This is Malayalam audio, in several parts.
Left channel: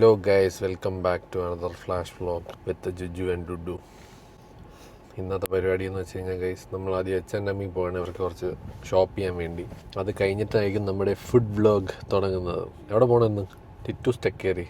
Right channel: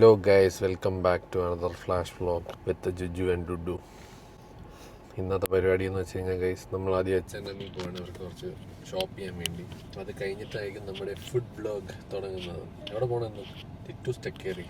Hello guys, welcome back to another flash vlog with Juju and Dudu. ഇന്നത്തെ പരിപാടി എന്ന് വെച്ച് കഴിഞ്ഞാൽ ഗൈസ് നമ്മൾ ആദ്യം H&M പോകണം അവർക്ക് കുറച്ച് ഷോപ്പ് ചെയ്യാൻ വേണ്ടി. അത് കഴിഞ്ഞിട്ടായിരിക്കും നമ്മുടെ ഫുഡ് വ്ലോഗ് തുടങ്ങുന്നത്. എവിടെ പോകണമെന്ന് ടിറ്റൂസ് ടെക്കേറി.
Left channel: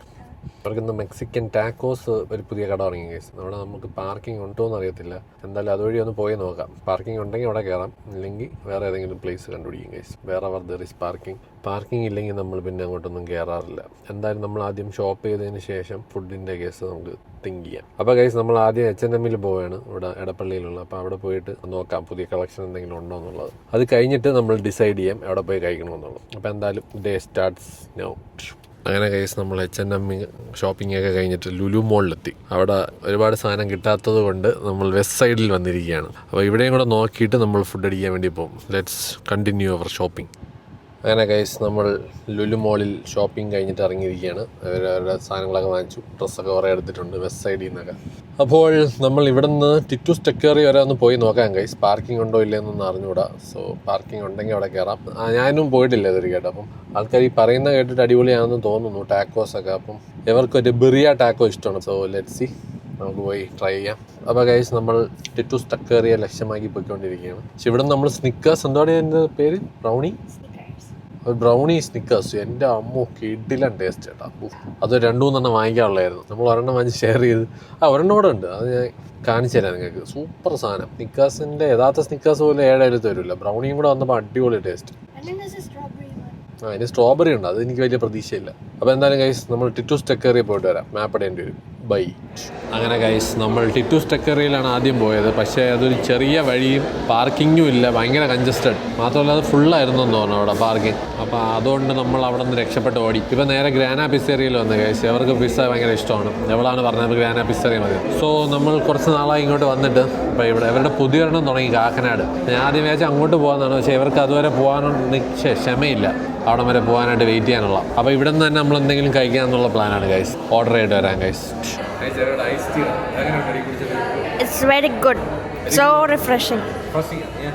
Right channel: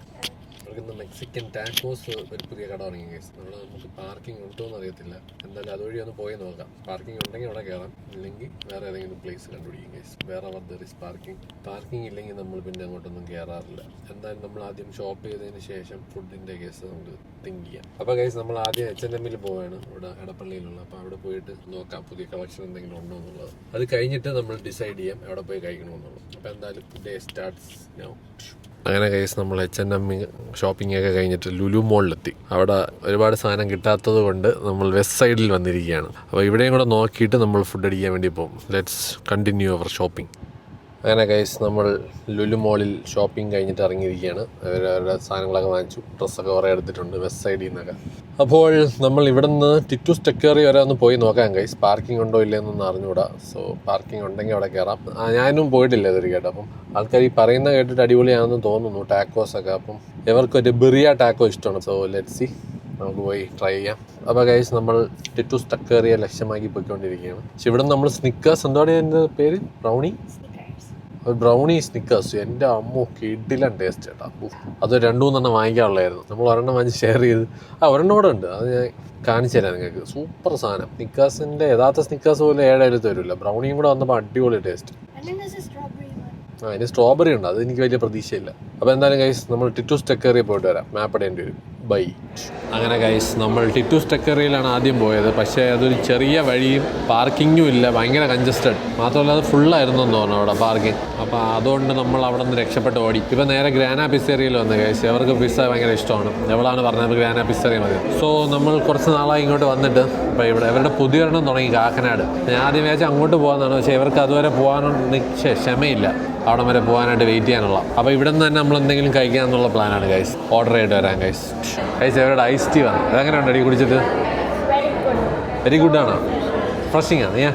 അവർക്കിന്ന് മെക്സിക്കൻ ടാക്കോസ് ഒരു പുതിയ കട തുടങ്ങി ഗൈസ്. അവിടെ നമുക്ക് പാർക്കിംഗ് ഉണ്ടോ എന്ന് അറിയത്തില്ല. എന്തായാലും അതുവഴി ഒന്ന് പോയി നോക്കാം. പാർക്കിംഗ് ഉണ്ടെങ്കിൽ അവിടെ കയറാം, ഇല്ലെങ്കിൽ വേറെ ഏതെങ്കിലും പ്ലേസ് കണ്ടുപിടിക്കും ഗൈസ്. വേറെ ദർ ഇസ് പാർക്കിംഗ് ഇല്ലെങ്കിൽ നമ്മൾ പിന്നെ അങ്ങോട്ടൊന്നും കയറാറില്ല. എന്തായാലും നമ്മൾ ആദ്യം ഷോപ്പ് ചെയ്തതിന് ശേഷം ഫുഡിൻ്റെ കേസ് നമുക്ക് തിങ്ക് ചെയ്യാം. അപ്പോൾ ഗൈസ് നമ്മൾ ആദ്യം H&M പോവുകയാണ്, ഇവിടെ എടപ്പള്ളിയിലുള്ള. അപ്പോൾ അവിടെ പോയിട്ട് നോക്കാം പുതിയ കളക്ഷൻ എന്തെങ്കിലും ഉണ്ടോ എന്നുള്ളത്. അത് കഴിഞ്ഞിട്ട് നമ്മൾ ഡിസൈഡ് ചെയ്യാം എവിടെ പോയി കഴിക്കണമെന്നുള്ളത്. അപ്പോൾ എന്തായാലും ഡേ സ്റ്റാർട്ട്സ് നൗ. അങ്ങനെ ഗൈസ് നമ്മൾ H&M ഷോപ്പിംഗ് ഒക്കെ കഴിഞ്ഞിട്ട് ലുലു മോളിലെത്തി. അവിടെ ഒരുപാട് സാധനം കിട്ടാത്തത് കൊണ്ട് നമ്മൾ വെസ്റ്റ് സൈഡിൽ വന്നിരിക്കുകയാണ്. അപ്പോൾ ഇവിടെയും കൂടെ നോക്കിയിട്ട് നമ്മൾ ഫുഡ് അടിക്കാൻ വേണ്ടി പോകും. Let's continue our shopping. അങ്ങനെ ഗൈസ് നമ്മൾ ലുലു മോളിൽ ഷോപ്പിംഗ് കഴിഞ്ഞിട്ട് ഇറങ്ങിയിരിക്കുകയാണ്. അവരുടെ സാധനങ്ങളൊക്കെ വാങ്ങിച്ചു, ഡ്രസ്സൊക്കെ കുറേ എടുത്തിട്ടുണ്ട് വെസ്റ്റ് സൈഡിൽ നിന്നൊക്കെ. അപ്പോൾ നമ്മൾ ഇവിടെ നിന്ന് ടിറ്റൂസ് ടെക്കേറി വരെ ഒന്ന് പോയി നോക്കാം ഗൈസ്. പാർക്കിംഗ് ഉണ്ടോ ഇല്ലയെന്നൊന്നും അറിഞ്ഞുകൂടാ. സോ പാർക്കിംഗ് ഉണ്ടെങ്കിൽ അവിടെ കയറാം. ഞാനും പോയിട്ടില്ല ഇതൊരു കേട്ടോ. അപ്പം ആൾക്കാർ ഈ പറയുന്ന കേട്ടിട്ട് അടിപൊളിയാണെന്ന് തോന്നുന്നു ടാക്കോസൊക്കെ. അപ്പം ഇവർക്കൊരു ബിറിയ ടാക്കോ ഇഷ്ടമാണ്. സോ ലെറ്റ്സ് സീ, നമുക്ക് പോയി ട്രൈ ചെയ്യാം. അപ്പോൾ ഗൈസ് നമ്മൾ ടിറ്റൂസ് ടെക്കേറിയെ ലക്ഷ്യമാക്കി പോയിക്കൊണ്ടിരിക്കുകയാണ്. പക്ഷെ ഇവിടെ നമ്മൾ സ്നിക്കേഴ്സ്, എന്താണ് എൻ്റെ പേര്, ബ്രൗണി സ്നിക്കേഴ്സ്, എൻ്റെ അമ്മോ കിടിലൻ ടേസ്റ്റ് ചേട്ടാ. അത് 2-3 വാങ്ങിക്കാനുള്ളായിരുന്നു. നമ്മൾ ഒരെണ്ണം വാങ്ങിച്ച് ഷെയർ ചെയ്ത് ഒരെണ്ണം കൂടെ ഉണ്ട്, അത് ഞാൻ കാണിച്ചു തരാം നിങ്ങൾക്ക്. സൂപ്പർ സാധനം. സ്നിക്കേഴ്സിൻ്റെ യഥാർത്ഥ സ്നിക്കേഴ്സ് പോലെ 7 തരില്ല. ബ്രൗണിയും കൂടെ വന്നപ്പോൾ അടിപൊളി ടേസ്റ്റ്. അതിന് സ്ട്രോബെറി ഉണ്ട്, അത് എനിക്ക് വലിയ പ്രതീക്ഷയില്ല. അപ്പോൾ എന്തായാലും ഗൈസ് നമ്മൾ ടിറ്റൂസ് ടെക്കേറിയിൽ പോയിട്ട് വരാം. മാപ്പ് ഇടേണ്ടി വരും. ബൈ. അങ്ങനെ ഗൈസ് നമ്മൾ ടിറ്റൂസ് ടെക്കേറിയിലാണ് ആദ്യം പോയത്. പക്ഷേ അതൊരു ചെറിയ വഴിയും പാർക്കിങ്ങും ഇല്ല, ഭയങ്കര കൺജസ്റ്റഡ്. മാത്രമല്ല അത് ഫുള്ളായിരുന്നു എന്ന് തോന്നുന്നു അവിടെ പാർക്കിംഗ്. അപ്പോൾ അതുകൊണ്ട് നമ്മൾ അവിടെ നിന്ന് രക്ഷപ്പെട്ട് ഓടി. ഇപ്പോൾ നേരെ ഗ്രാന പിസ്സേറിയയിൽ വന്ന് ഗൈസ്. അവർക്ക് പിസ്സ ഭയങ്കര ഇഷ്ടമാണ്. എവളാണ് പറഞ്ഞത് ഗ്രാന പിസ്സേറിയ മതി. സോ നമ്മൾ കുറച്ച് നാളായി ഇങ്ങോട്ട് വന്നിട്ട് ഇപ്പോൾ ഇവിടെ ഇവരുടെ പുതിയൊരെണ്ണം തുടങ്ങി കാക്കനാട്. ഞാൻ ആദ്യം വിചാരിച്ചാൽ അങ്ങോട്ട് പോകാമെന്നാണ്. പക്ഷേ ഇവർക്ക് അതുവരെ പോകാനൊന്നും ക്ഷമയില്ല, അവിടെ വരെ പോകാനായിട്ട് വെയിറ്റ് ചെയ്യാനുള്ള. അപ്പോൾ ഇവിടെ നിന്ന് തന്നെ നമ്മൾ എന്തെങ്കിലും കഴിക്കാമെന്നുള്ള പ്ലാനാണ് ഗൈസ്. ഓർഡർ ചെയ്തിട്ട് വരാം ഗൈസ്. അവരുടെ ഐസ് ടീ വന്നു. അതെങ്ങനെയുണ്ട് അടി കുടിച്ചിട്ട്? It's very good. So refreshing. Refreshing ആണ്.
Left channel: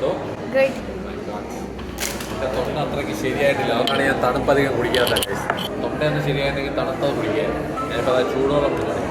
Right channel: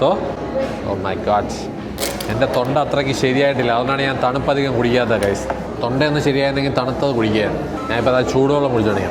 So oh my god, എൻ്റെ തൊണ്ട അത്രയ്ക്ക് ശരിയായിട്ടില്ല. അതുകൊണ്ടാണ് ഞാൻ തണുപ്പധികം കുടിക്കാത്ത ഗൈസ്. തൊണ്ടയൊന്ന് ശരിയായിരുന്നെങ്കിൽ തണുത്തത് കുടിക്കുകയാണ്. ഞാനിപ്പോൾ അത് ചൂടോളം കുടിച്ചോളി.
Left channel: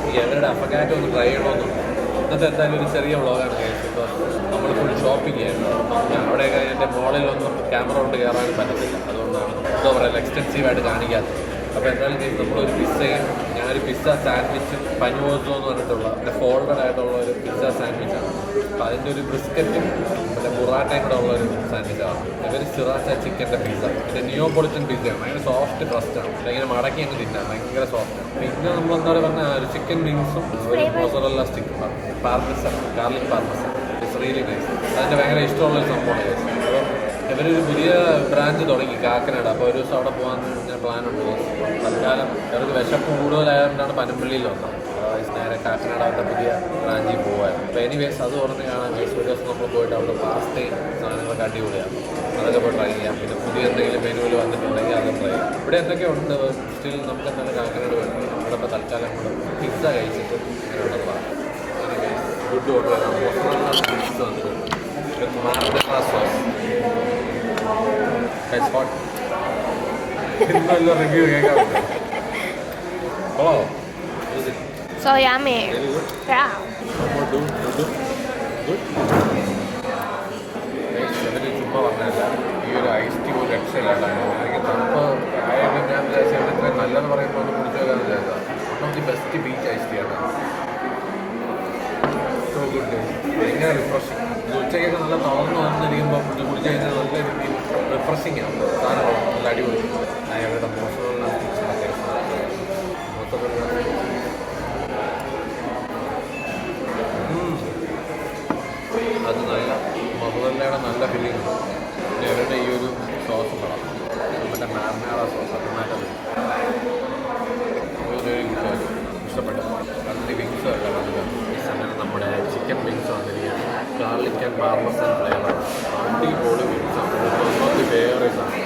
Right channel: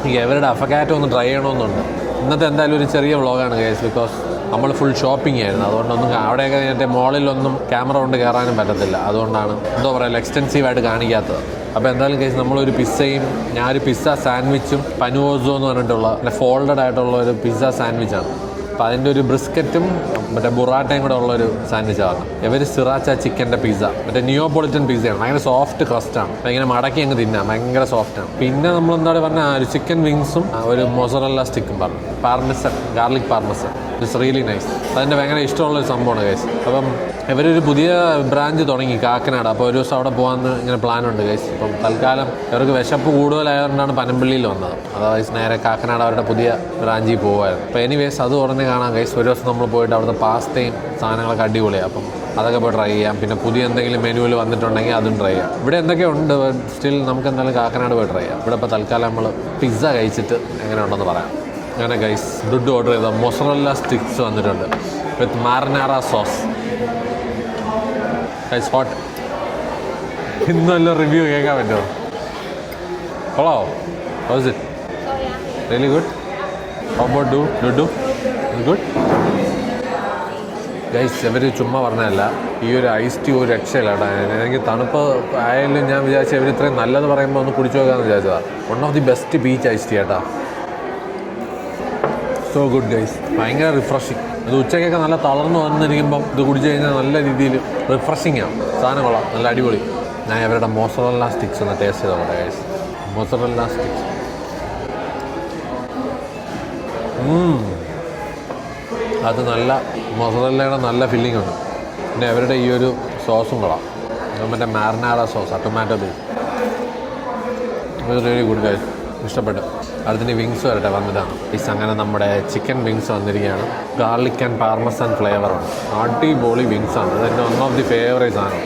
എനിക്ക് അവരുടെ അഫക്കാറ്റോ ഒന്ന് ട്രൈ ചെയ്യണമെന്നുണ്ട്. ഇന്നത്തെ എന്തായാലും ഒരു ചെറിയ വ്ളോഗാണ് ഗൈസ്. ബിക്കോസ് നമ്മൾ ഫുൾ ഷോപ്പിംഗ് ആയിരുന്നു. അതുകൊണ്ടൊന്നും അവിടെയൊക്കെ എൻ്റെ മോളിലൊന്നും ക്യാമറ കൊണ്ട് കയറാനും പറ്റത്തില്ല. അതുകൊണ്ടാണ് എന്താ പറയുക എക്സ്റ്റെൻസീവായിട്ട് കാണിക്കാത്തത്. അപ്പോൾ എന്തായാലും കേസ് നമ്മളൊരു പിസ്സയും, ഞാനൊരു പിസ്സ സാൻഡ്വിച്ചും പനുവോസോ എന്ന് പറഞ്ഞിട്ടുള്ള ഫോൾഡഡ് ആയിട്ടുള്ള ഒരു പിസ്സ സാൻഡ്വിച്ചാണ്. അപ്പോൾ അതിൻ്റെ ഒരു ബ്രിസ്ക്കറ്റും മറ്റേ ബുറാട്ടയും കൂടെ ഉള്ളൊരു സാൻഡ്വിച്ചാണ്. ഇവർ സിറാച്ച ചിക്കൻ്റെ പിസ്സ, മറ്റേ നിയോപോളിറ്റൻ പിസ്സയാണ്. ഭയങ്കര സോഫ്റ്റ് ക്രസ്റ്റാണ്. അപ്പോൾ ഇങ്ങനെ മടക്കി അങ്ങ് തിന്നാം, ഭയങ്കര സോഫ്റ്റാണ്. പിന്നെ നമ്മൾ എന്താണ് പറഞ്ഞാൽ ഒരു ചിക്കൻ വിങ്സും ഒരു മൊസറല്ല സ്റ്റിക്കും പറഞ്ഞു. Parmesan, garlic parmesan. It's really nice. അതിൻ്റെ ഭയങ്കര ഇഷ്ടമുള്ളൊരു സംഭവമാണ് ഗൈസ്. അപ്പം ഇവരൊരു പുതിയ ബ്രാഞ്ച് തുടങ്ങി കാക്കനാട്. അപ്പോൾ ഒരു ദിവസം അവിടെ പോകാമെന്ന് ഇങ്ങനെ പ്ലാനുണ്ട് ഗൈസ്. അപ്പം തൽക്കാലം ഇവർക്ക് വിശപ്പ് കൂടുതലായതുകൊണ്ടാണ് പനമ്പള്ളിയിൽ വന്നത്. അതായത് നേരെ കാക്കനാട് അവരുടെ പുതിയ ബ്രാഞ്ചിൽ പോകുമായിരുന്നു. അപ്പോൾ എനിവേസ് അത് ഉടനെ കാണാം ഗൈസ്. ഒരു ദിവസം നമ്മൾ പോയിട്ട് അവിടുത്തെ പാസ്തയും സാധനങ്ങളൊക്കെ അടിപൊളിയാണ്. അപ്പം അതൊക്കെ പോയി ട്രൈ ചെയ്യാം. പിന്നെ പുതിയ എന്തെങ്കിലും മെനുവിൽ വന്നിട്ടുണ്ടെങ്കിൽ അതും ട്രൈ ചെയ്യാം. ഇവിടെ എന്തൊക്കെ ഉണ്ട് സ്റ്റിൽ നമുക്ക് എന്തായാലും കാക്കനാട് പോയി ട്രൈ ചെയ്യാം. ഇവിടെ ഇപ്പോൾ തൽക്കാലം നമ്മൾ പിസ്സ കഴിച്ചിട്ട് എങ്ങനെ ഉണ്ടെന്ന് പറയാം. അങ്ങനെ ഗൈസ് ഡുഡ് ഓർഡർ ചെയ്ത മൊസറല്ല സ്റ്റിക്സ് വന്നിട്ടുണ്ട് വിത്ത് മാർനാറ സോസ്. Guys hot. ഇന്നല്ല റിവ്യൂ കേൾക്കാൻ പറ്റുമോ? കൊള്ളാവോ? How is it? So yummy. Really good? Yeah. How about Dudu? Good? Guys ഇവർ ചുമ്മാ പറഞ്ഞതല്ല, ഈ ഒരു ഐസ് ടീ ഒരു രക്ഷയില്ല കേട്ടോ. എനിക്ക് തണുപ്പ് ആയാലും ഞാൻ വിചാരിച്ചു ഇവർ ഇത്രയും നല്ലതെന്ന് പറയുമ്പോൾ ഒന്ന് കുടിച്ചു നോക്കാമെന്ന് വിചാരിച്ചതാണ്. One of the best peach ice tea കേട്ടോ. So good guys. ഭയങ്കര റിഫ്രഷിങ്. ഇത് ഉച്ചയ്ക്കൊക്കെ നല്ല തളർന്ന് വന്നിരിക്കുമ്പം ഇത് കുടിച്ചു കഴിഞ്ഞാൽ നല്ല രീതിയിൽ റിഫ്രഷിങ് ആവും. സാധനങ്ങളാണ് നല്ല അടിപൊളി. ഞാൻ ഇവരുടെ മോസറല്ല സ്റ്റിക്സ് ഒന്ന് ടേസ്റ്റ് ചെയ്തോട്ടെ ഗൈസ്. മോസറല്ല സ്റ്റിക്സ് അത് നല്ല മൊസറല്ലയുടെ നല്ല ഫില്ലിംഗ് ഉണ്ട്. പിന്നെ അവരുടെ ഈ ഒരു സോസും കൊള്ളാം. മറ്റേ മാർനാഡ സോസ്, ടൊമാറ്റോ തീ. Really good guys. ഇഷ്ടപ്പെട്ടു. അതിന് വിങ്സ് വരട്ടെ വന്നിട്ടാണ്. അങ്ങനെ നമ്മുടെ ചിക്കൻ വിങ്സ് വന്നിരിക്കുകയാണ്. ഗാർലിക് ആൻഡ് പാർമസൺ ഫ്ലേവറാണ്. അടിപൊളി വിങ്സാണ്. ഇതെൻ്റെ വൺ ഓഫ് ദി ഫേവറേറ്റ് സാധനം.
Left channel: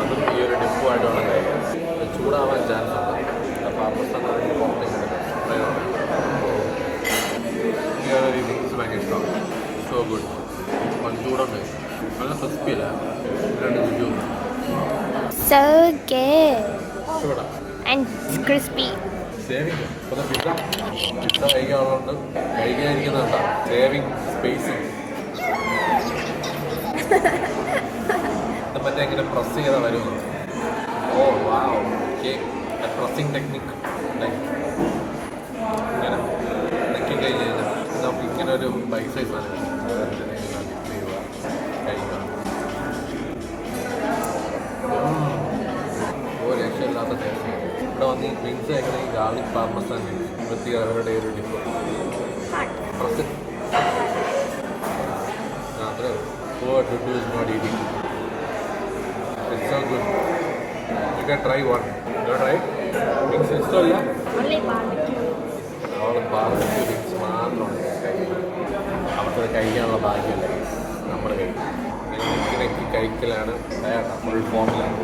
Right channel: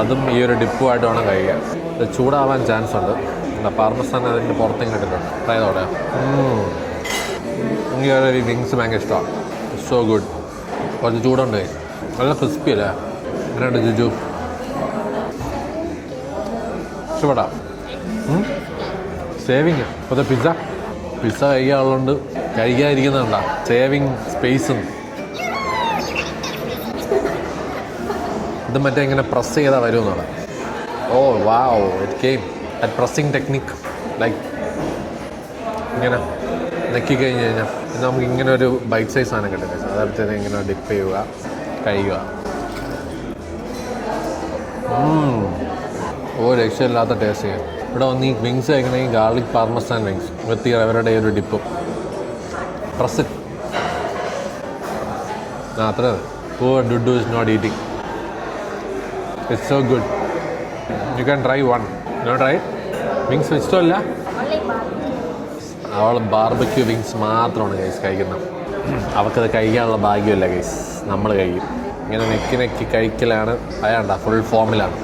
അതും ഈ ഒരു ഡിപ്പുമായിട്ട് വേണം കഴിക്കാൻ. ഇത് ചൂടാവാൻ ചാൻസ് ഉണ്ട്. പാർമസൺ അതിൻ്റെ പുറത്തേക്ക് കിട്ടുന്നുണ്ട്. ട്രൈ പറയാം. എനിക്ക് ഈ വിങ്സ് ഭയങ്കര ഇഷ്ടമാണ്. So good. കുറച്ച് ചൂടുണ്ട്. നല്ല ക്രിസ്പി അല്ലേ? എങ്ങനെയുണ്ട് ജുജു? So good. ഇഷ്ടപ്പെടാം. And it's crispy. സേവിങ് അപ്പോൾ പിസ്സ കഴിക്കാനുള്ളതുകൊണ്ട് കഴിക്കാതിരിക്കുന്നതുകൊണ്ടാ സേവിങ് സ്പേസും. ഇത് മറ്റേ ഇങ്ങനെ പ്രസ് ചെയ്താൽ വരുമെന്നുള്ള. Oh wow, it came at pressing technique. Like ഇങ്ങനെ നെക്കി കഴിഞ്ഞ് കഴിഞ്ഞാൽ നമുക്ക് ഇങ്ങനെ ഒരു ബൈറ്റ് സൈസ് സാധനം കിട്ടുന്നത്. സാധാരണ ഇങ്ങനെ ഡിപ്പ് ചെയ്യുക, കഴിയുക. രക്ഷയില്ലാത്ത ടേസ്റ്റ് ചെയ്യാം. ഇവിടെ വന്ന് ഈ വിങ്സ് കഴിക്കണമെങ്കിൽ ഗാർലിക് പാർമസാൻ വിങ്സ് വിത്ത് അവരുടെ ഒരു ഡിപ്പും പ്രസ്. അത്ര Dudu is not eating. It's so good. You can try one. No try wings ഇഷ്ടമല്ല. അവൾ ബാർബക്യൂ വിങ്സ് മാത്രമാണ് ഗൈസ് കഴിക്കുന്നത്. അവർക്കത് കഴിക്കാനുള്ള ഭാഗ്യമില്ല ഗൈസ്. നമ്മൾ കഴിക്കും. ഇങ്ങനെ നെക്കി നെക്കി കഴിക്കലാണ്. അയാണ്ട ഫുൾ ഫോമിലാണ്.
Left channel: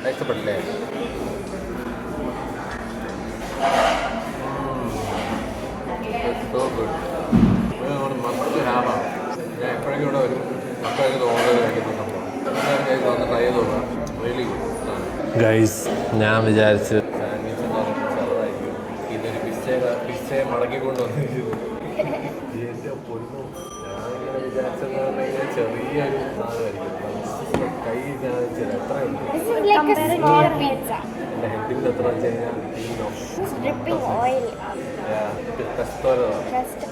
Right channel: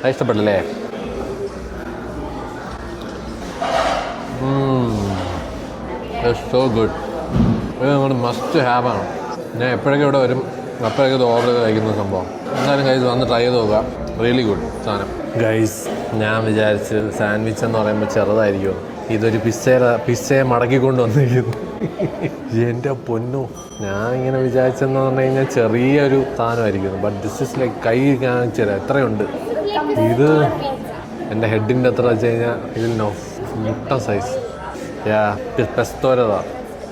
അത് ഇഷ്ടപ്പെട്ടില്ലേ? So good. ഇത് നമ്മൾ മസ്റ്റ് ഹാവ് ആണ്. ഞാൻ എപ്പോഴൊക്കെ ഇവിടെ വരും അപ്പോഴൊക്കെ ഇത് ഓർഡർ ചെയ്ത് കഴിക്കുന്ന സംഭവം. എന്തായാലും ഗൈസ് വന്ന് ട്രൈ ചെയ്ത് നോക്കുക. റിയലി ഗുഡ് സാധനം. ഗൈസ് ഞാൻ വിചാരിച്ച് സാൻഡ്വിച്ച് എന്ന് പറയുമ്പോൾ ചെറുതായിരിക്കും. ഇതൊരു പിസ്സയെ മടക്കിക്കൊണ്ട് വന്നിരിക്കുന്നു. എൻ്റെ പൊന്നു, ഞാൻ ഇങ്ങനെ വിചാരിച്ചെന്ന് പറഞ്ഞു കഴിഞ്ഞാൽ ചെറിയൊരു സാധനമായിരിക്കുന്നു. ബട്ട് ദിസ് ഇസ് ലൈക്ക് കൈ കാണിച്ചത് എത്രയുണ്ട്. ഇത് എൻ്റെ ഹെഡിൻ്റെ എത്ര വെച്ച് കഴിഞ്ഞാൽ ഇതിൽ മുട്ട സൈസ്. പെസ്തോരതാ.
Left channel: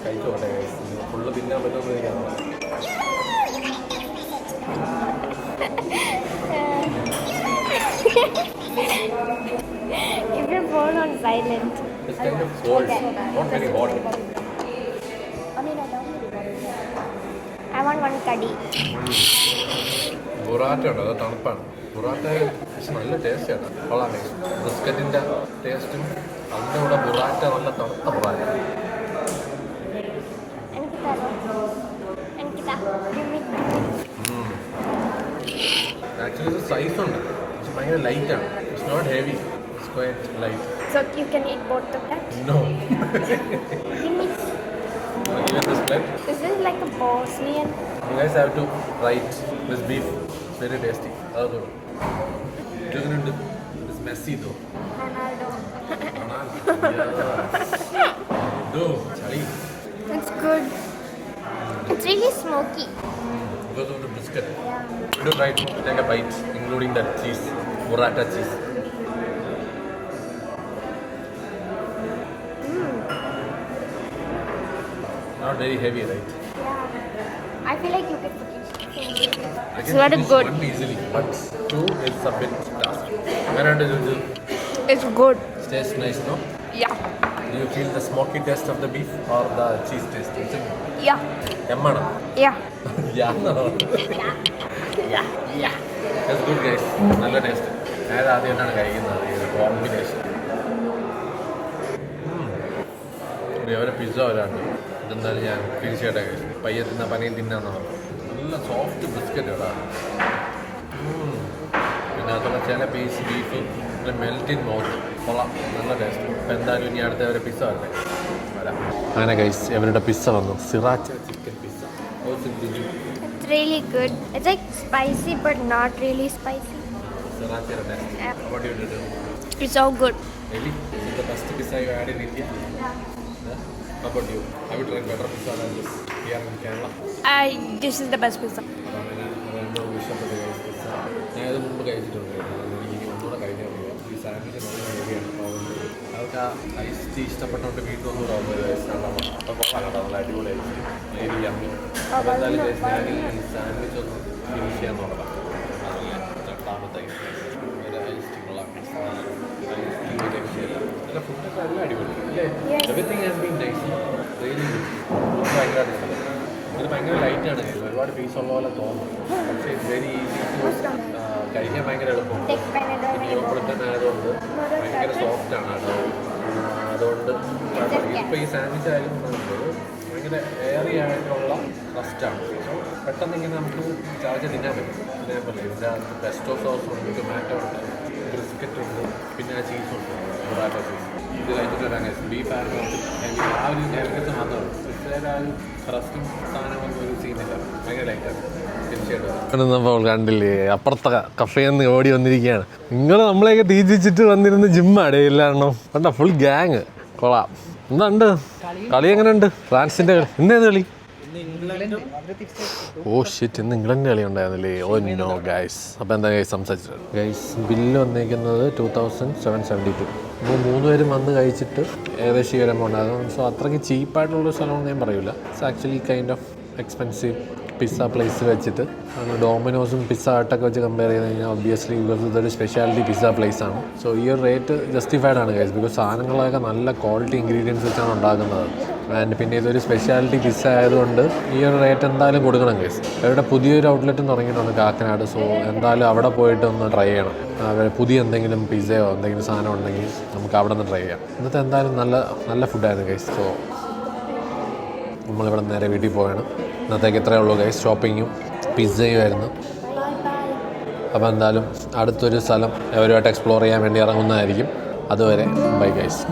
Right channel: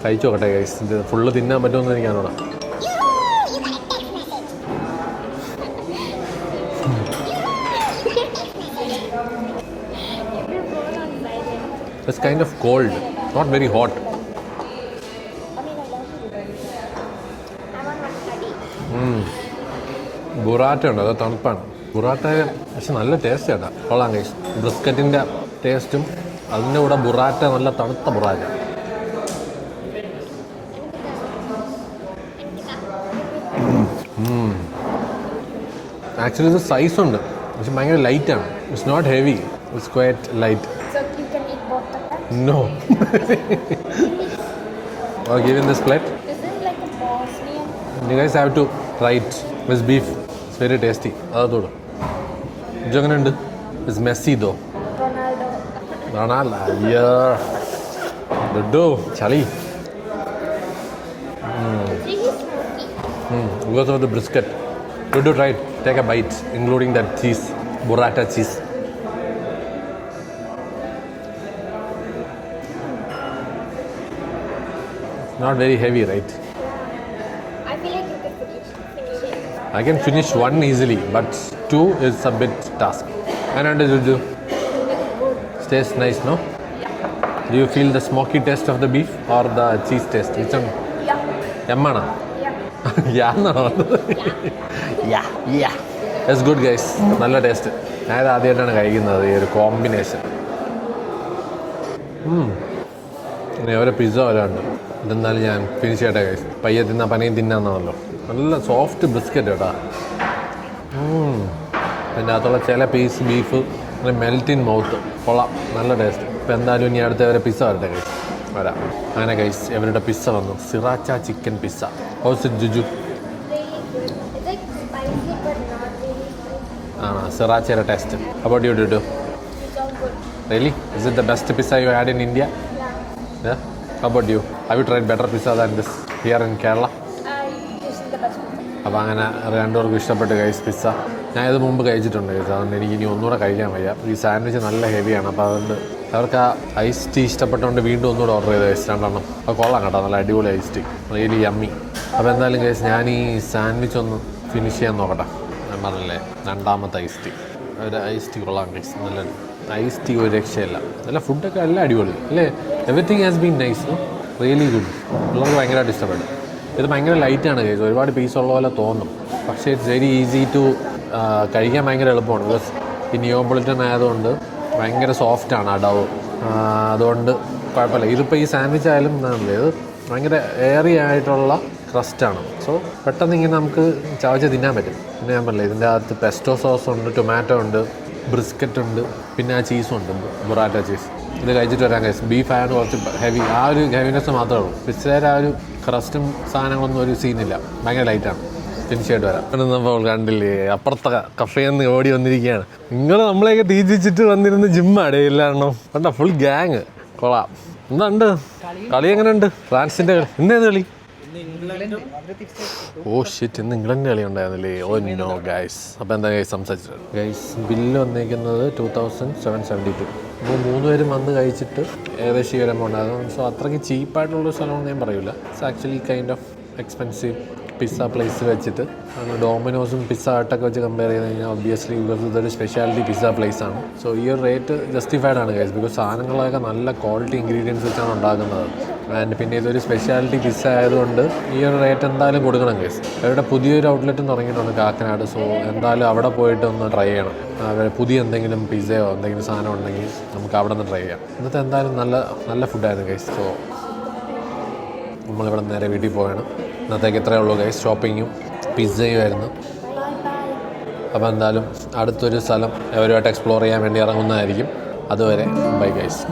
കഴിച്ചു നോക്കട്ടെ ഗൈസ്. ഇത് ഫുള്ള് തിന്നാൻ പറ്റുമെന്ന് എനിക്കറിയാം. It's kind of cold, not very hot. I want one curry. Burrata ഉണ്ട്, അത് തണുപ്പാണ്. ബുറാറ്റ പക്ഷെ നല്ല ടേസ്റ്റ് ചേട്ടാ. കൊള്ളാം ഗൈസ്. ബ്രിസ്ക്കറ്റിൻ്റെ ടേസ്റ്റും അതിൻ്റെ കൂടെ ബുറാറ്റ നല്ല തണുത്ത ബുറാറ്റ. ആക്ച്വലി ഇത് സൈസ് ഉണ്ട് പക്ഷെ ഭയങ്കര ലൈറ്റാണ്. It's not heavy, it's quite light. So you can eat both of them? No. I'll give you this plate. Is this like a Bosnian? You guys have to try it. This beef. It's very tasty. അതൊരു ഇതെങ്ങനെയുണ്ട്? It's messy though. Ronaldo. അയ്യോ ഡുഡു ചളി. It's good. It's really smoky. Goes with the brisket. Dudu, try it. Take a bite, including that cheese, burrata cheese. Not very heavy, right? Yeah. I feel like you can finish. I can It's finish very good. one easily, but two is a bit task. And Dudu, It's good. tastes nice, no? Yeah. Do you feel the smoky taste of the beef or the cheese taste? Which one? Yeah. Emmana? Yeah. Yeah, no. Yeah. That's good, guys. നല്ല ടേസ്റ്റ്. ഞാനിത് ആദ്യമായിട്ടാണ് കഴിക്കുന്നത് ഈ ഒരു കോമ്പിനേഷൻ. ഇനി അവരെ പിസ്സ വരാണ്ട് ഇതെന്നാലും ഞാൻ ഫിനിഷ് ചെയ്യട്ടെ ഗൈസ്. പയ്യെ തിന്നാ പനയും തിന്നാന്നല്ലോ. നല്ല സോഫ്റ്റ് ബിസ്ക്കറ്റ് കേട്ടോ. പിന്നെ അതുള്ള ചില പീസ് ബീഫ് അങ്ങനെ മെൽറ്റ് ഇൻ മൗത്ത്. കൊള്ളാം, നല്ല ടേസ്റ്റ്. ഇപ്പം എന്തായാലും ഇനി അടുത്ത അവരെ പിസ്സ വരട്ടെ ഗൈസ്. വരാം. അങ്ങനെ ഗൈസ് അവരുടെ പിസ്സ വന്നു. Sriracha chicken pizza. How's it Juju? It's really good. It's like spicy but not really spicy. സിറാച്ചയുടെ taste. How about you, Dudu? It's so good. Really? Is it the best pizza you had in India? Yeah? How about you? Have you tried better pizza than this here in Kerala? This is the best pizza. അപ്പോൾ അങ്ങനെ രണ്ടുപേർക്കും ഇഷ്ടപ്പെട്ട് ഗൈസ് പിസ്സ. ഞാൻ ഇത് മുമ്പ് കഴിച്ചിട്ടുണ്ട് ഗൈസ്. അതുകൊണ്ട് എനിക്ക് ഇനി ഒന്നുകൂടെ കഴിക്കാൻ വയ്യ. ഈ സാൻഡ്വിച്ച് നല്ല ഹെവിയാണ്. അപ്പോൾ അതുകൊണ്ട് അവർക്ക് ആ ഐസ് ടീ ഇഷ്ടപ്പെട്ടുകൊണ്ട് വീണ്ടും ഒന്നുകൂടെ ഓർഡർ ചെയ്ത് ഗൈസ് രണ്ടെണ്ണം. അപ്പോൾ കൊള്ളാം കേട്ടോ, നല്ല അടിപൊളി ഐസ് ടീ, റിയലി യമ്മി. അപ്പോൾ എന്തായാലും ഗൈസ് ഞാൻ ഈ സാൻഡ്വിച്ച് ഒന്ന് ഫിനിഷ് ചെയ്യാൻ നോക്കട്ടെ. ഞാൻ പറഞ്ഞില്ലേ രണ്ടാമത്തെ ഐസ് ടീ. ഒരു ഐസ് ടീ കൊള്ളാം ഗൈസ്. നല്ല ഐസ് ടീ ഒരു രക്ഷയില്ല. നല്ല ഫുഡൊക്കെ എല്ലാം അടിപൊളി അല്ലേ. Everything has been nice, really good. ഉള്ളത് ഭയങ്കരമായിട്ട് ഇഷ്ടപ്പെട്ടു. ഇത് ഭയങ്കര ലൈറ്റാണ് കഴിക്കുക. ഒരുപാട് പീസ് ഉള്ള പോലെ തോന്നും, പക്ഷേ ഇറ്റ്സ് വെരി ഈസി ടു കഴിക്കാൻ ഭയങ്കര എളുപ്പമാണ്. ബിക്കോസ് ഈ നിയോപൊളിറ്റൻ ആയതുകൊണ്ട് ഭയങ്കര സോഫ്റ്റാണ് ആ ഡൗ. അതുകൊണ്ട് കുഴപ്പമില്ല. ഇതിപ്പോൾ ഈ സാൻഡ്വിച്ച് ആയാലും ഇത് ഭയങ്കര എയറി ആയിട്ടുള്ള ക്രസ്റ്റാണ്. സോ പെട്ടെന്ന് ഇങ്ങനെ നമുക്ക് ചവച്ച് തിന്നാൻ പറ്റും. പിന്നെ ഞാൻ പറഞ്ഞില്ല ഇതിൻ്റെ അകത്ത് പെസ്റ്റോ സോസ് ഉണ്ട്, ടൊമാറ്റോ ഉണ്ട്, ബ്രിസ്ക്കറ്റ് ഉണ്ട്, പിന്നെ ആ ചീസും ഉണ്ട്, ബൊറാറ്റ ചീസ്. ഇത് കഴിച്ചിട്ട് വരാൻ കഴിച്ചു. ബീഫ് ആയതുകൊണ്ട് കുറച്ച് ഹെവി, ആ ഒരു ഹെവിനെസ് മാത്രമേ ഉള്ളൂ. പിസ്സയുടെ ആ ഒരു ക്രസ്റ്റും സാധനങ്ങളൊന്നും ഒരു സീനില്ല, ഭയങ്കര ലൈറ്റാണ്. തീർച്ചയായിട്ടും വരാം. നമ്മൾ കണ്ടില്ലേ അപ്പുറത്തെ കഫേയിൽ നിന്ന് ഓടി വന്നിരിക്കുകയാണ്. നിങ്ങൾ നമ്മളെയൊക്കെ തീറ്റിച്ചിട്ട് വന്നിരുന്ന ജിമ്മാടേ ഇല്ലാണോ കണ്ട ഫുൾ ഗ്യാങ്. കൊള്ളാം. എന്താണ്ട് കളി എങ്ങനെയുണ്ട്? ഫ്രാൻസിൻ്റെ കളി ഇന്നേത് കളി? ഓ ഷിറ്റ്, ഇന്ന് ഇംഗ്ലണ്ട് കളി ഉണ്ടായിരുന്നില്ലേ? Oh no guys. അപ്പോൾ എന്താ ഗൈസ് സംസാരിച്ചത്? ഗൈസ് ബില്ല് വന്നിരിക്കുന്നത് 2772. അപ്പോൾ 3 പേരും വന്ന് കഴിച്ചിട്ട് ഏകദേശം ഈ ഒരു എമൗണ്ട് ആയിരുന്നു. സോ അത്രയ്ക്ക് ചീപ്പായിട്ടുള്ളൊരു സ്ഥലമാണെന്ന് ഞാൻ പറയില്ല. It's actually kind of expensive pizza place വെച്ചിട്ട്. ഡോമിനോസും പിസ്സ ഹട്ടൊക്കെ വെച്ച് കമ്പയർ ചെയ്ത് കഴിഞ്ഞാൽ ഒബ്വിയസ്ലി ബിക്കോസ് ഇതൊരു സ്പെഷ്യാലിറ്റി പിസ്സ പ്ലേസ് ആണ്. സോ ഈ ഒരു റേറ്റ് ജസ്റ്റിഫൈഡ് ആണ് ഗൈസ്, ബിക്കോസ് സാധനങ്ങളൊക്കെ നല്ല ക്വാളിറ്റി ഇൻഗ്രീഡിയൻസ് വെച്ചാണ് ഉണ്ടാക്കുന്നത്. ആൻഡ് പിന്നെ ഇതൊരു സ്പെഷ്യാലിറ്റി പിസ്സ ആയതുകൊണ്ട് ഈ ഒരു റേറ്റ് എന്തായാലും കൊടുക്കണം ഗൈസ്. അവരുടെ പുതിയൊരു ഔട്ട്ലെറ്റും തുടങ്ങിയിട്ടുണ്ട് കാക്കനാട്. സോ എന്തായാലും അവിടെ പോയിട്ട് ഒന്ന് ട്രൈ ചെയ്യണം. അവർ പുതിയ എന്തെങ്കിലും പിസ്സയോ എന്തെങ്കിലും സാധനം ഉണ്ടെങ്കിൽ നമുക്ക് അവിടെ നിന്ന് ട്രൈ ചെയ്യാം. ഇന്നത്തെ എന്തായാലും നല്ല ഫുഡായിരുന്നു ഗൈസ്. സോ നമ്മളിവിടെ നേരെ വീട്ടിൽ പോവുകയാണ്. ഇന്നത്തേക്ക് ഇത്രയേ ഉള്ളൂ ഗൈസ്. ഷോപ്പിങ്ങും പിസ്സയും ആയിരുന്നു. അപ്പോൾ എന്തായാലും അടുത്തൊരു സ്ഥലം അവരുമായിട്ട് എക്സ്പ്ലോർ ചെയ്യാൻ വേണ്ടി ഇറങ്ങുന്നതായിരിക്കും. അതുവരെ ബൈ ഗൈസ്.